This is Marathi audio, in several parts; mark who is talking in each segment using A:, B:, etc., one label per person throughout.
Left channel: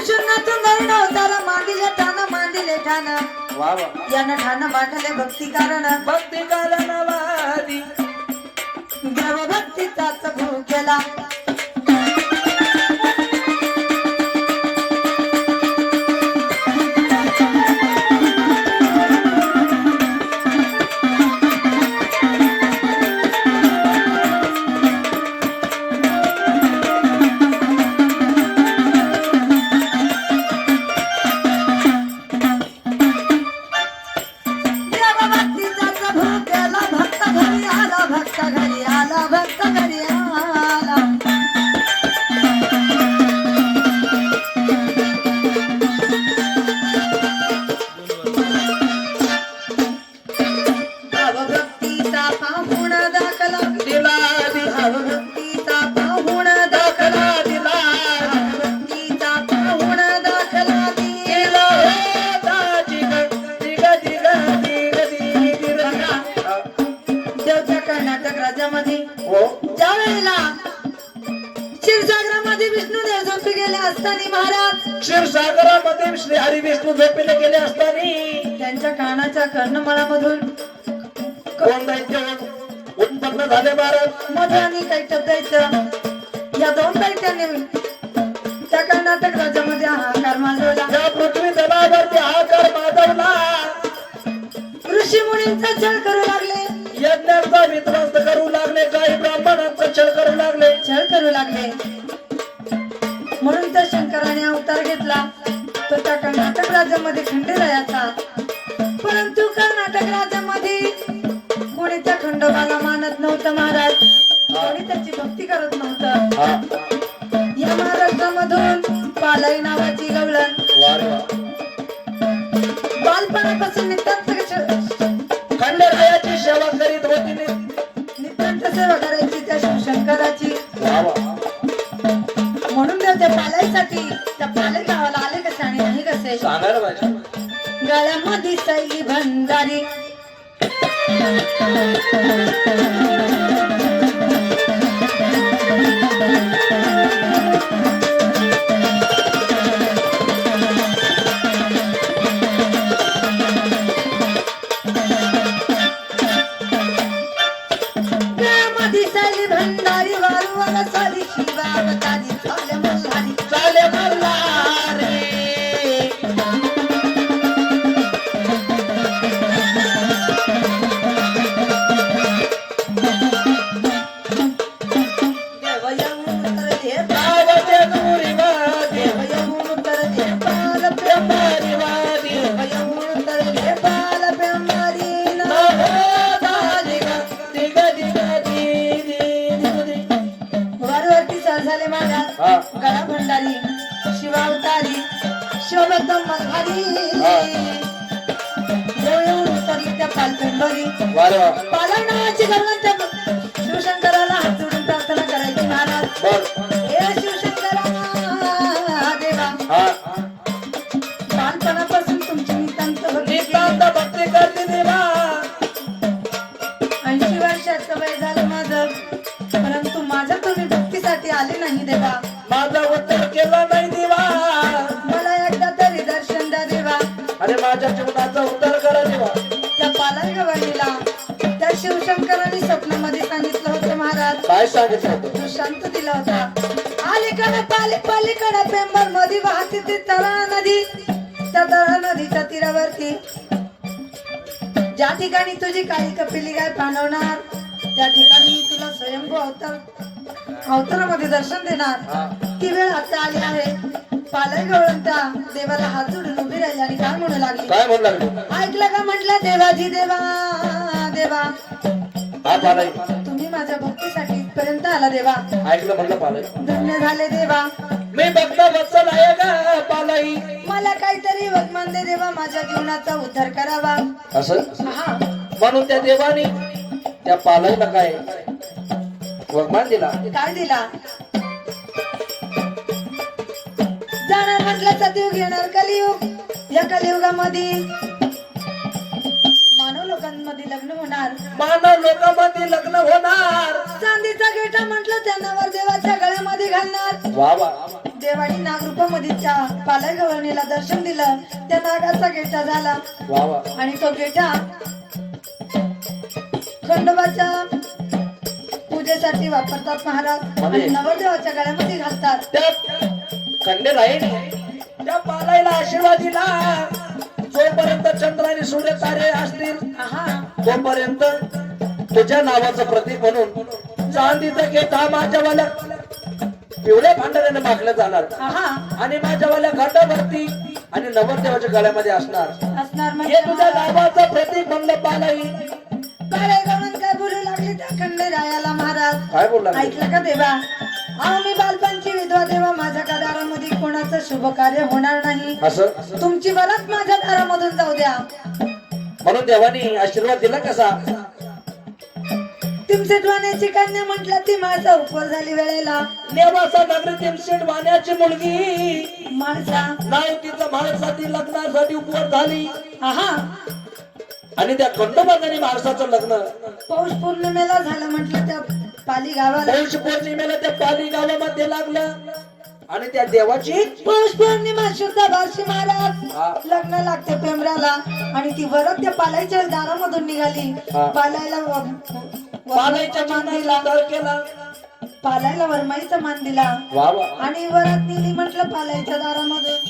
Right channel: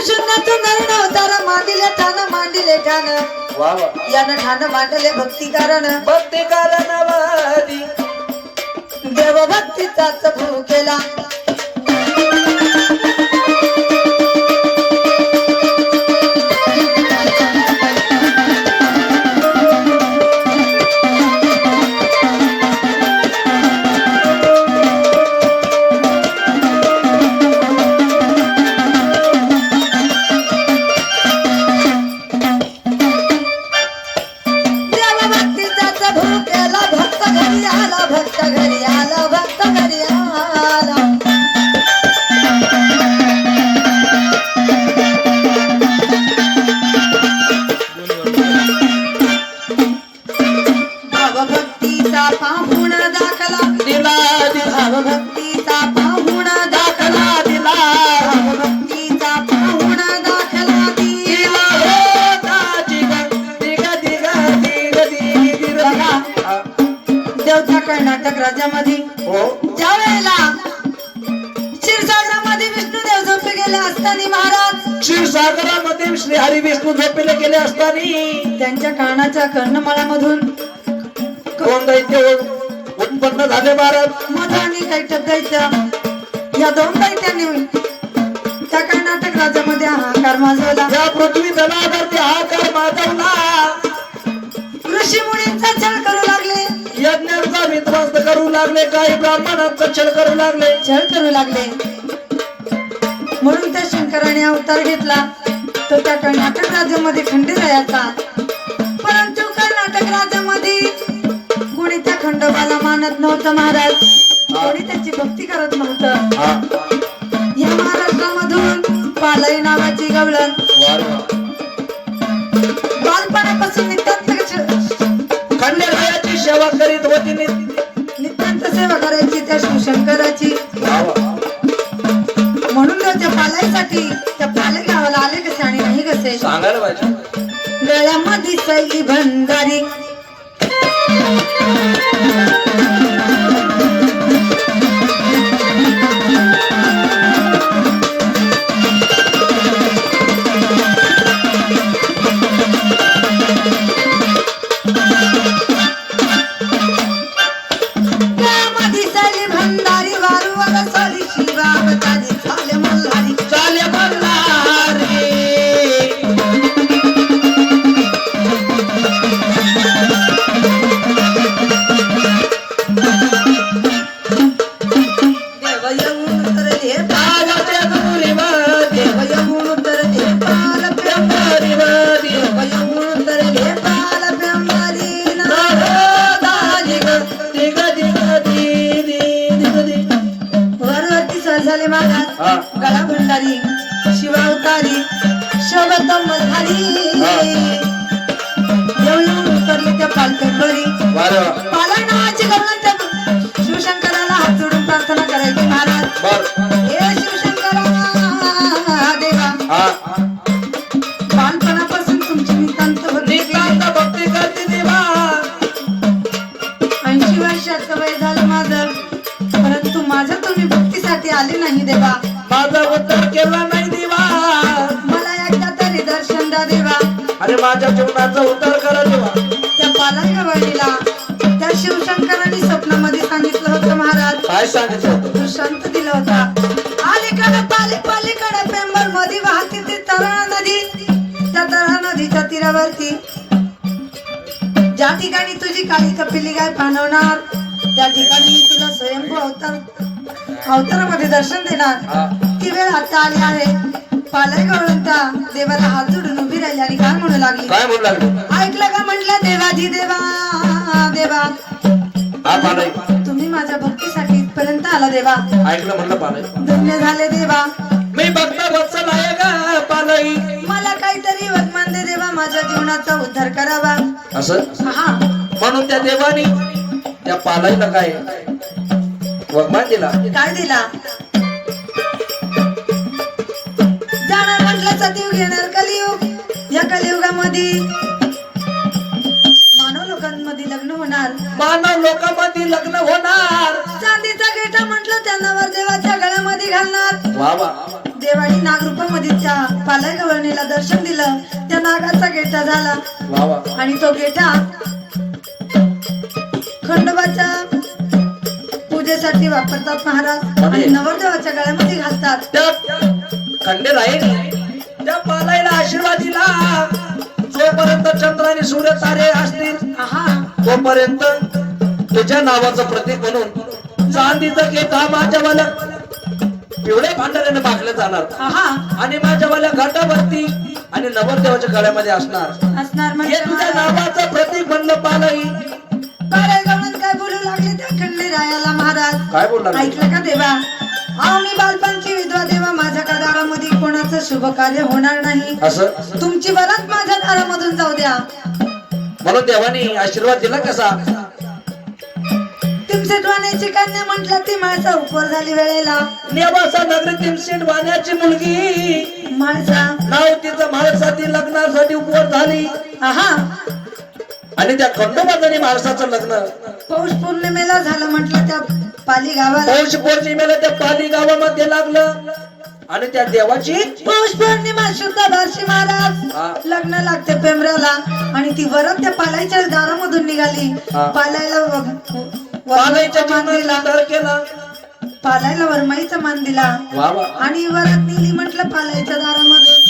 A: शून्यातून घरून अवतार मांडिले ठाण मांडिले ठाण.
B: वा वा.
A: यानं ठाण मांडले भक्ती कारण
B: भक्ती कारणावादी
A: देव भक्तीचाच भू केला. क्षीरसागरामध्ये
B: श्री हरी विष्णू झोपेले गेले असताना.
A: त्यांच्या कानाच्या कर्णमाळामधून
B: कोण दैत्य उत्पन्न झाले महाराज
A: मधाने काही टकायचं या दोन दैत्यांनी त्या कर्नाटक राज्यामध्ये हाहाकार माजवला.
B: या पृथ्वी जलावरती हाकार माजवला.
A: ऋषी मुनींचा छळ करू लागले.
B: यज्ञांचा विध्वंस करू लागले. काही ब्राह्मणांचा छळ करू लागले.
A: छळ करू लागले. म्हणून त्या शंकराने अवतार घेतला. तो त्या कर्नाटक राज्यामध्ये खंडेरायाचा परंतु कर्नाटक राज्यामध्ये कोणी त्या खंडोबाला मानत नव्हतं महाराज. कोणी त्याची भक्ती करत नव्हतं. या महाराष्ट्रामधून पालई नावाची गवळण. बालपणापासून नितांत
B: खंडेरायाची सेवा करीत होती.
A: नितांत सेवा करायची त्या शिवशंकराची. गळ्यामध्ये सर झाले
B: हा.
A: गळा भंडारी शिवावतारी शबद मल्हारी येऊ येऊन उतरले त्या पालपेंबरी
B: वा रे वा.
A: पाला नावाची गवळण त्या आले नाही देवा.
B: माझा उत्तर केला नाही देवा.
A: मला एकदा तरी दर्शन द्या देवा.
B: अरे माझ्या जीवनाचं उत्तर करा देवा.
A: त्या पालाय गवळीला त्या शिवशंकरांनी स्वप्नामध्ये सांगितलं होतं महाराज.
B: काय सांगितलं होतं?
A: तू शांत दिला होता. अलीकडे पाले पलीकडे पेंबरमध्ये वाहती ती तळा नदी. त्या तळा नदीच्या तीरावरती. ज्या ठिकाणी तुझी काळी कपिली गाय पाणवणार त्या ठिकाणी मी तुला स्वयंभू अवतार अवतारामध्ये दर्शन देणार. ती वेळ आता आली आहे. पालय गवळंता देवाला हात जोडून उभी राहिली आणि काय म्हणू लागली.
B: काय म्हणू लागले?
A: ऐकलं का म्हटलं देवाजी देवा देवा?
B: पालाय
A: तुम्ही माझ्या भक्तीसाठी इथपर्यंत आला देवा.
B: ऐकलं म्हणलं पालाय
A: धन्य झाले देवा.
B: मी भक्त वत्सल आहे का पालाई?
A: मला काहीतरी वर्तमान दे देवा माझ्या जीवनाचा उद्धार करावा.
B: असं?
A: हा.
B: म्हणून त्या देवानी त्या पालाईला काय? वगमान दिला.
A: काय दिला? जाणार म्हटलं सतयुग येणार कलियुग. या कलियुगामध्ये मानव लोकांमध्ये लग्न होणार.
B: मानव लोकांमध्ये लग्न होणार.
A: चांदीचा गेटा म्हटलं त्यांना वर देवाच्या गळ्यामध्ये घालणार.
B: वा वा.
A: देवानी नागरूपामध्ये त्या पालाय गवळणीला दर्शन दिलं. त्या नागाचा गेटा झाला.
B: वा वा.
A: आणि तो गेटा खंडोबाच्या पूजेसाठी वापरतात महाराज. आणि नवरदेवाच्या गळ्यामध्ये घालतात.
B: त्या खंडे राहील त्या पालायला आशीर्वाद दिला. जोपर्यंत चंद्र आणि सूर्य तारे असतील
A: आहा.
B: तोपर्यंत तुझ्या नावाचं प्रतीक म्हणून चांदीचं घेता माझ्यावाल्या पिवळ्या भांडाऱ्याने मागलं जाणार.
A: आहा.
B: आणि माझ्यावाल्या घाटावरती आणि नवरदेवाच्या गळ्यामध्ये असणार.
A: असणार
B: हे
A: म्हणजे
B: तुझ्या नावाचं प्रतीक म्हणलं पालाई.
A: काय
B: बोलला
A: ऐकलं का देवा? आम्ही बालपणची विधवा देवा माझ्या का दारामध्ये कोणाचं शुभ कार्य होणार नाही.
B: असं?
A: तुमची बराच माझ्या दारामधून जाऊ द्या.
B: म्हणून देवानी आशीर्वाद दिला कसा?
A: तुमचे ड्वाण्याची कन्या म्हटलं ती माणसा उपवर झाली वेळेला.
B: नेवासा नगरी तिमसेट वाण्याची मुलगी.
A: माणसा.
B: नाव तिचं महाराष्ट्रातील लग्नासाठी उपवर झाली.
A: आहा.
B: आणि त्या खंडोबाजाने महाराष्ट्राचं लग्न.
A: पौष पौर्णिमेला झालं म्हटलं त्या पाली गावाला
B: पौष पौर्णिमेला त्या पाली गावामध्ये लागलं. आणि त्या देवाची
A: पौष पौर्णिमा शुद्ध
B: हा.
A: महाराज. लग्न लागते पेमराला आणि ती वरत त्या पालाईच्या दारामधून निघाली.
B: हा.
A: पालायला व-
B: पालाईच्या
A: वरमाईचा मान दिला
B: जीवनात केला.
A: पालायला वरमाईचा मान दिला
B: वा वा.
A: आणि वरात नेली म्हटलं पालाईच्या दारामधून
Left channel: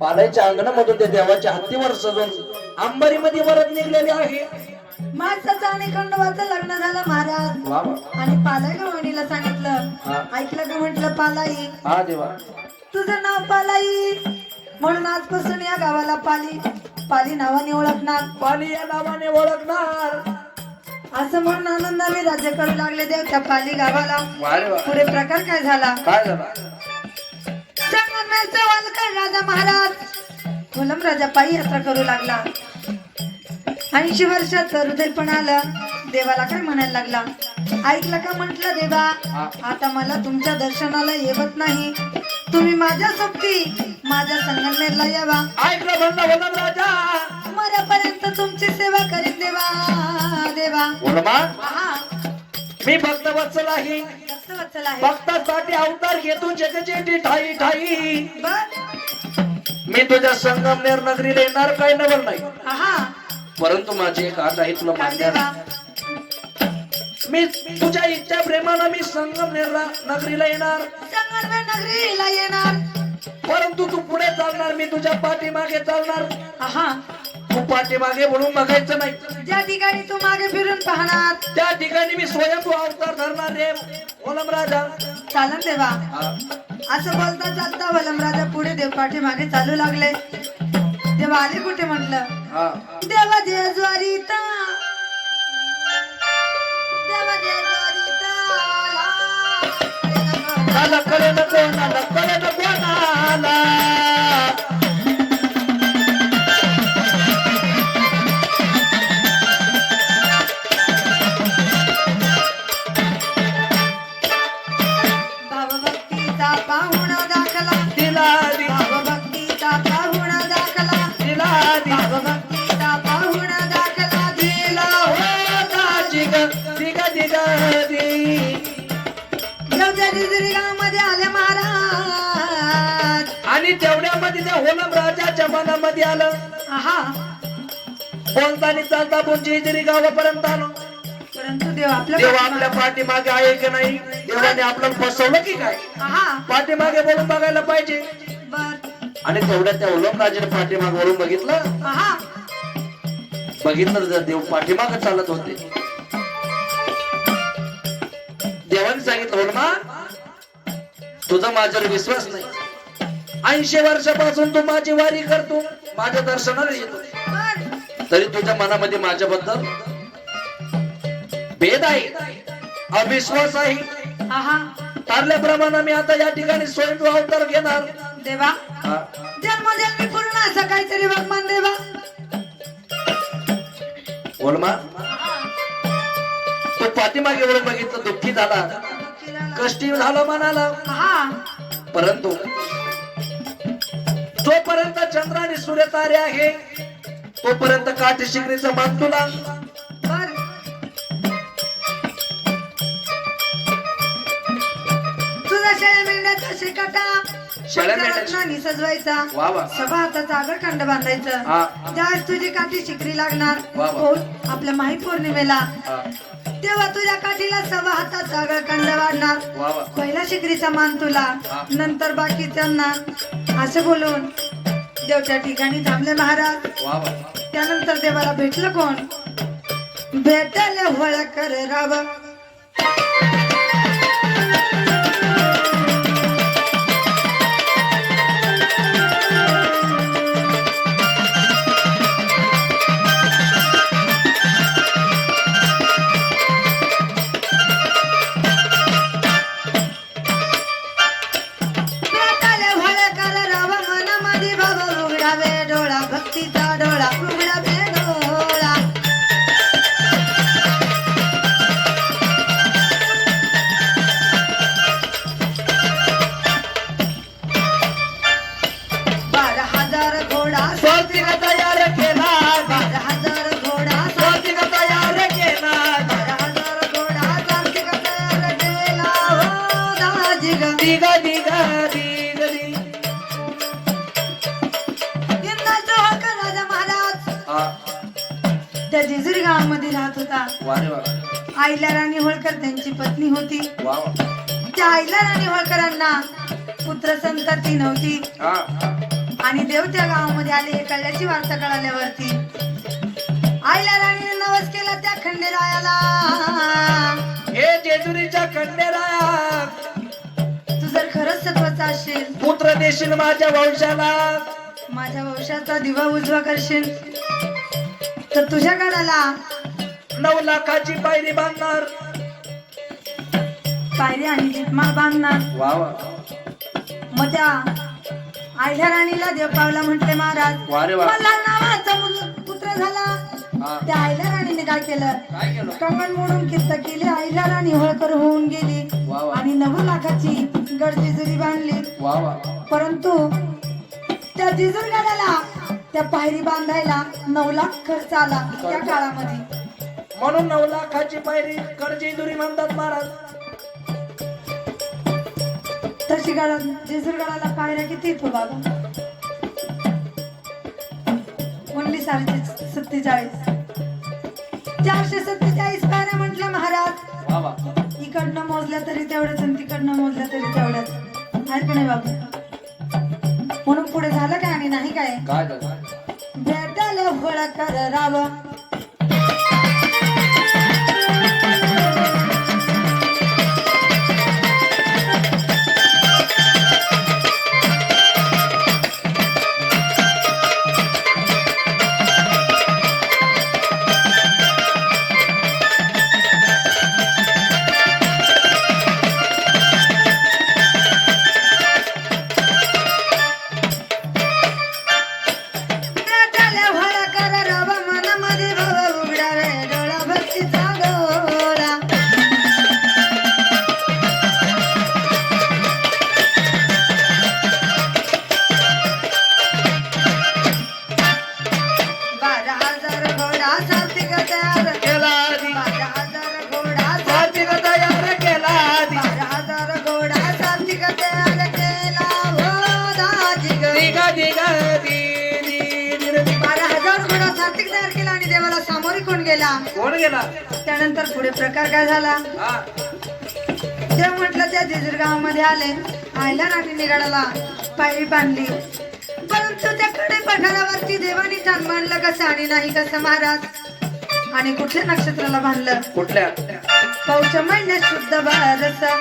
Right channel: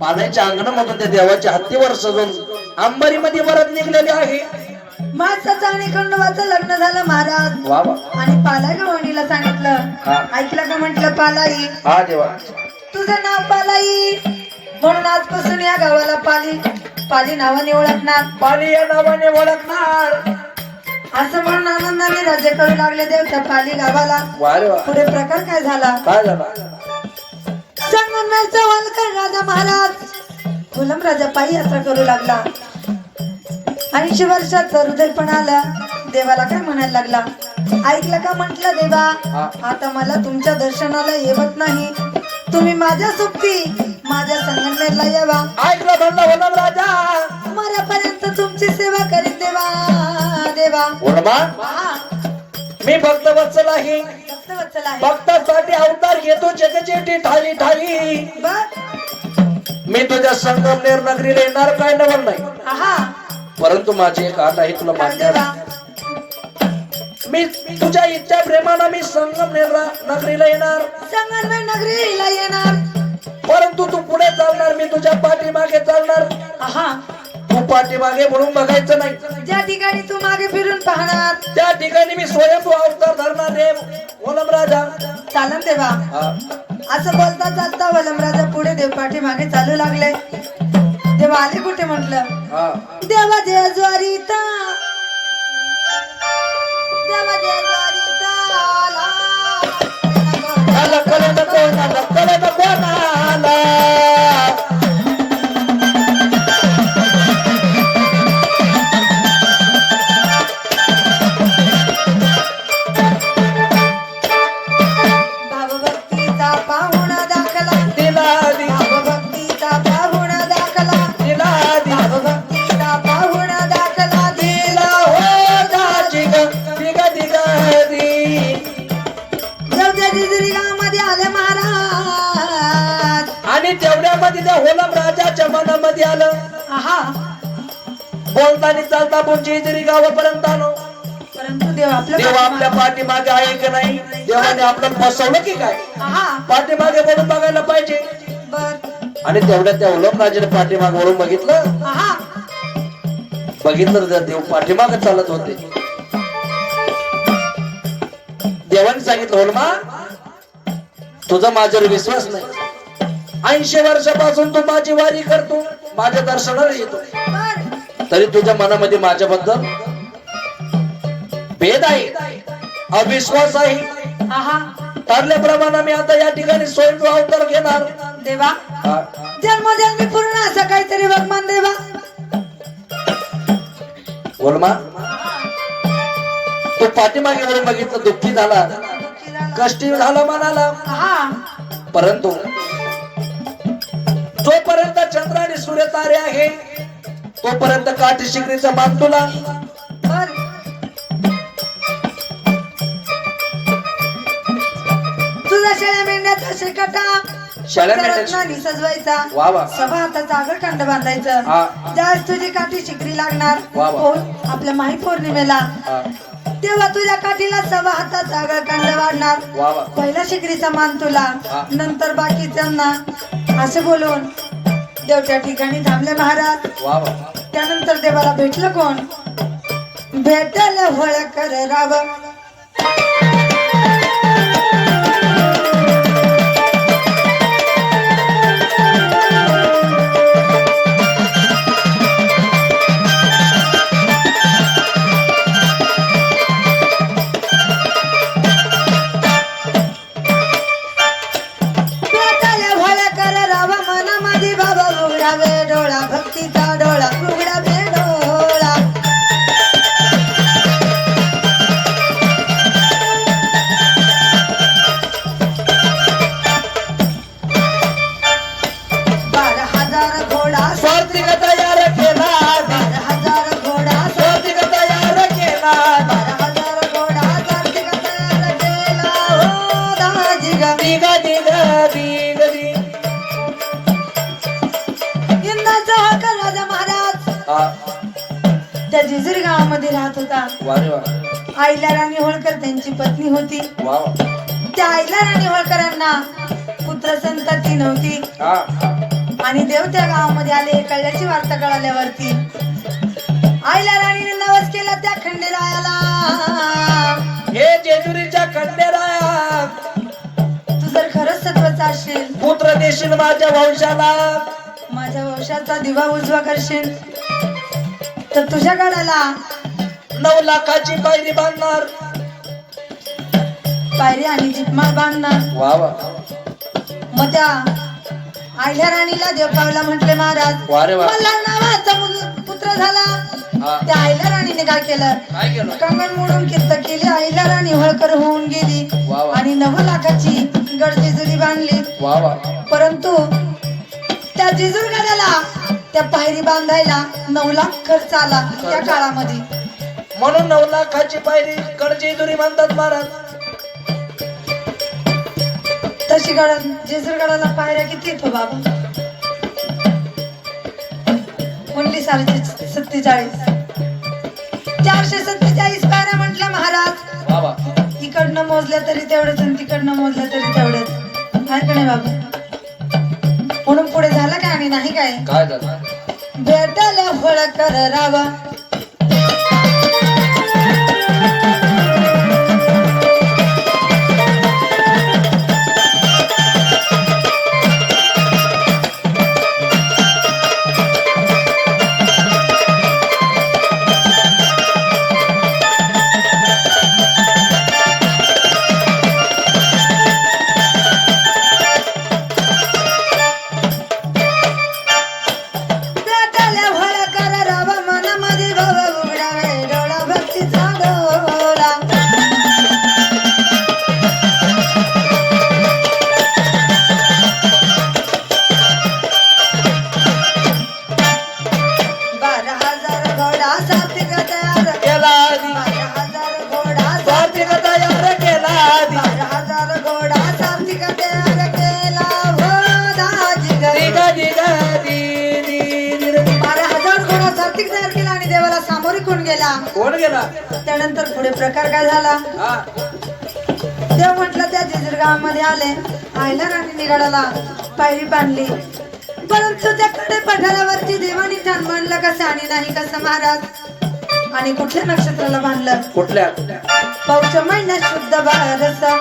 B: पालाईच्या अंगणामधून त्या देवाच्या हत्तीवर सजून अंबारीमध्ये वरात निघलेली आहे.
A: माणसाचं आणि खंडोबाचं लग्न झालं महाराज.
B: वा वा.
A: आणि पालाई गवणीला
B: हा.
A: सांगितलं ऐकलं का म्हटलं पालाई
B: हा देवा.
A: तुझं नाव पालाई म्हणून आजपासून या गावाला पाली. पाली नावाने ओळखणार.
B: पाली या नावाने ओळखणार.
A: असं म्हणून आनंदाने राज्य करू लागले देव त्या पाली गावाला.
B: वा रे वा.
A: पुढे प्रकार काय झाला?
B: काय झालं?
A: संगमनेरचा वालकर राजा महाराज. कोलम राजा पायी यात्रा करू लागला. ऐंशी वर्षाचा हृदय पण आला. देवाला काय म्हणायला लागला? ऐकलं का म्हंटल देवा? आता मला तुमच्या दर्शनाला येवत नाही. तुम्ही माझ्या सोबती माझ्या संगमनेरला यावा.
B: ऐकलं राजा.
A: मरापर्यंत तुमची सेवा करीत देवा देवा. हा.
B: मी भक्त वत्सल आहे. भक्तासाठी अवतार घेतो जगजेटी ठाई ठाई. मी तुझ्या संगमनेर नगरीला येणार काय नवल नाही. परंतु माझी एक आठ आहे तुला मान्य. मी तुझ्या इच्छा प्रेमानं मी संगमनेर नगरीला येणार.
A: संगमनेर नगरीला येणार.
B: परंतु तू पुढे चालणार मी तुझ्या पाठीमागे चालणार.
A: हा
B: तू पाठीमागे म्हणून बघायचं नाही.
A: ज्या ठिकाणी तू मागे फिरून पाहणार.
B: त्या ठिकाणी मी स्वयंभू अवतार धरणार रे. ओलम राजा.
A: चालन देवा. असं बोलता जाता वलमराजा पुढे देव पाठीमागे चालू लागले. देवा आले कुठे म्हटलं. देवा जय ज्वारीता. देवा जय
B: बोलताना चालता बुंजी जरी गावापर्यंत आलो
A: परंतु देव आपल्या
B: देव आपल्या पाठीमागे आहे की नाही? देवाने आपल्याला फसवलं की काय? पाठीमागे बघून बघायला पाहिजे.
A: बर.
B: आणि तेवढ्या त्या उलम राजाने पाठीमागे वळून बघितलं? बघितलं तर देव पाठीमागे चालत होते. देवाने सांगितलं होलमा तुझा माझ्यावर विश्वास नाही. ऐंशी वर्षापासून तू माझी वारी करतो माझ्या दर्शनाला येतो. तरी तुझ्या मनामध्ये माझ्याबद्दल भेद आहे. अविश्वास आहे.
A: आहा.
B: ठरल्याप्रमाणे मी आता या ठिकाणी स्वयंभू अवतार घेणार.
A: देवा. जन्मोजन्मी पूर्ण असं काहीतरी बघमान देवा.
B: बोलमा तो पाठीमागे वळून बघितलं दुःखी झाला. कष्टी झाला मनाला. परंतु जोपर्यंत चंद्र आणि सूर्य तारे आहे तोपर्यंत काठी शिकरीचा मान तुला.
A: तुझा शेळ्या मेंढ्याचा शिकटा.
B: शाळा
A: त्या
B: मेंढ्याची.
A: रत्नांनी सजवायचा.
B: वा वा.
A: सभा हाताचा आगळ कांड बांधायचं.
B: हा.
A: ज्यावेळेस तुझी काठी शिकरी लागणार
B: वा वा.
A: पौ- आपल्या माही पौर्णिमेला.
B: हा.
A: तेव्हा तुझ्या काठीला सभा हाताचा आगळ कांड वाढणार
B: वा वा.
A: पहिला शिकरीचा मान तुला.
B: हा.
A: नंतर बाकीच्यांना असं बोलून देवच्या ठिकाणी थांबले महाराज.
B: वा वा.
A: त्यानंतर देवाला भेटलं कोण? भेटल होळ कर राव आईला राणी होळकर त्यांची पत्नी होती. त्या आईला राणी होळकरांना पुत्र संतती नव्हती.
B: हा.
A: आणि देव त्या गावामध्ये आले कळल्याची वार्ता कळाल्यावरती. आईला राणीने नवस केला त्या खंडेरायाला.
B: हे जेजुरीच्या खंडेराया
A: तू जर खरंच सत्वाचा असेल
B: पुत्र देशील माझ्या वंशाला.
A: माझ्या वंशाचा दिवा उजवा करशील. तर तुझ्या गडाला
B: नऊ लाखाची पायरी बांधणार.
A: पायरी आणि दीपमाळ बांधणार.
B: वा वा.
A: मग त्या आईल्या राणीला देवपावला म्हटले महाराज
B: वा रे वा.
A: मला नावाचा मुल- पुत्र झाला. त्या आईल्या राणीने काय केलं?
B: काय केलं?
A: कंगण मोडून किस्त केली. आईला राणी होळकर होऊन गेली.
B: वा वा.
A: आणि नऊ लाखाची गडजेजुरी बांधली.
B: वा वा.
A: परंतु त्या जेजूर गडाला त्या पायरी बांधायला नऊ लाख खर्च आला त्या काळामध्ये.
B: म्हणून नऊ लाखाची पायरी कडजेजुरी म्हणतात महाराज.
A: तशी गड जेजूर गडाला पायऱ्या किती येतो बाबा? म्हणली सारशे सत्तेचाळीस. चारशे सत्तेचाळीस पायऱ्या म्हटल्या महाराज.
B: वा
A: इकडनं मोजल्या तरी तेवढंच आणि तिकडनं मोजल्या तरी तेवढंच. आहे का नाही बाबा? म्हणून पुढे झालं काय आणि नाही काय?
B: काय झालं?
A: भेटायला फळ कर रावा कोण गेला? त्यानंतर पुढे प्रकार काय झाला? देव म्हटलं त्या गावामध्ये आले. आयला राणी निराडाला पायरी बांधली. परंतु त्या कडे पठारावरती देवानी छान मानलं कसं आणि नाही कसं महाराज? आणि कुठल्या नक्षत्राला बांधलं?
B: कुठल्या?
A: पौष महिन्यात शुद्ध बारसा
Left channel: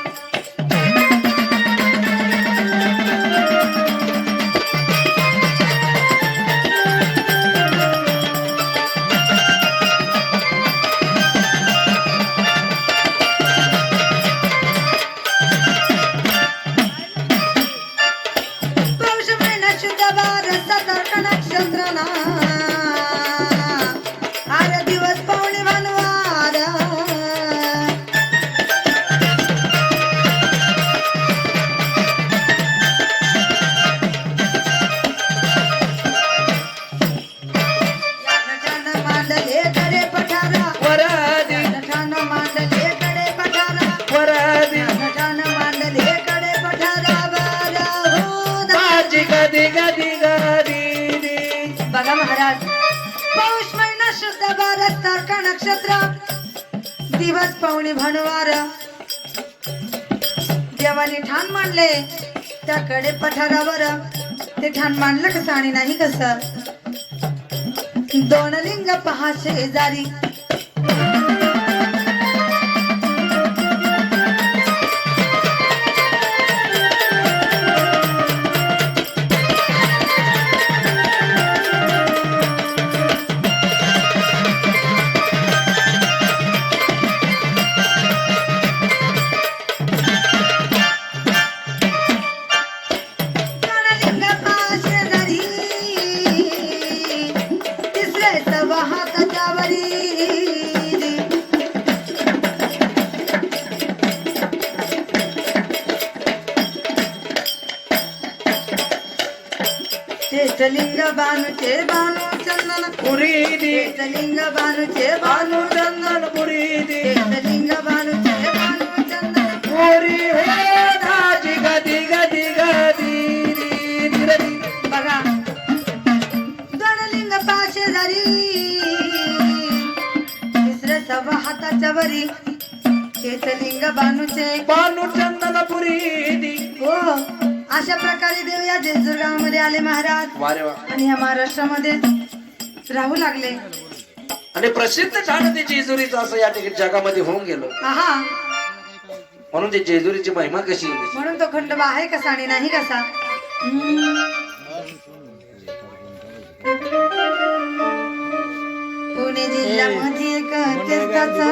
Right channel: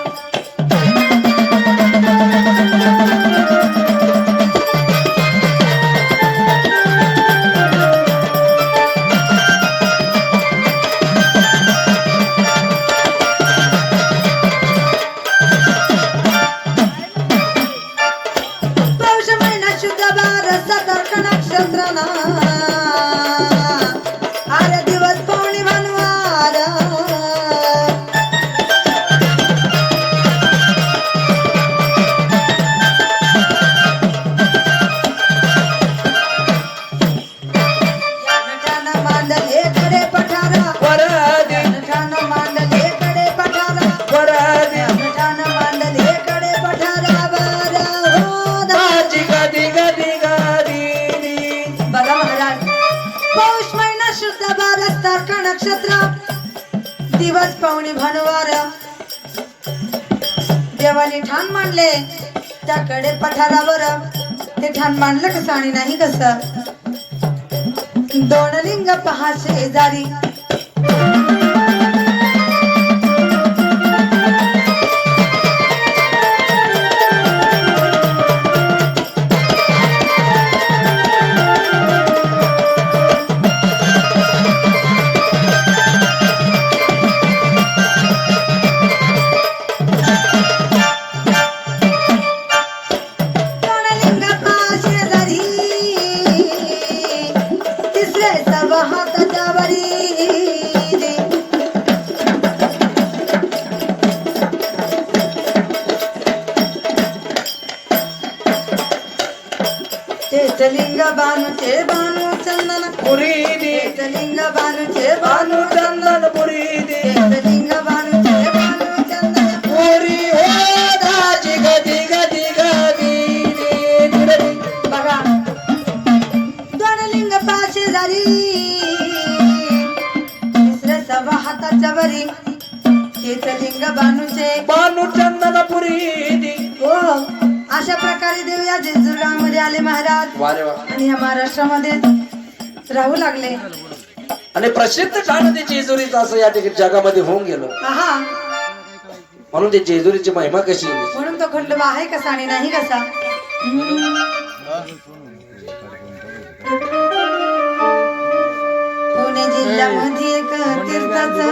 A: कडे पठारावर ते ठाण मांडलं कसं आणि नाही कसं? दोन लिंग पहा शेजारी. చేతలింగ బాను చే బాను చందన పురీని చేతలింగ బాను చే
B: బాను
A: చందన लिंग
B: बानू हो.
A: अशा प्रकारे देव या आले महाराज.
B: वारे वा.
A: आणि या महाराष्ट्रामध्ये राहू लागले.
B: आणि प्रसिद्ध झालं ते जेजुरीचं असं या ठिकाणी जगामध्ये होऊन गेलं.
A: हा
B: म्हणून ते जेजुरीची महिमा कशी आहे?
A: म्हणून तो खंडोबा आहे कसा आणि नाही कसा? हम्म. पुणे जिल्ह्यामध्ये एक तीर्थाचं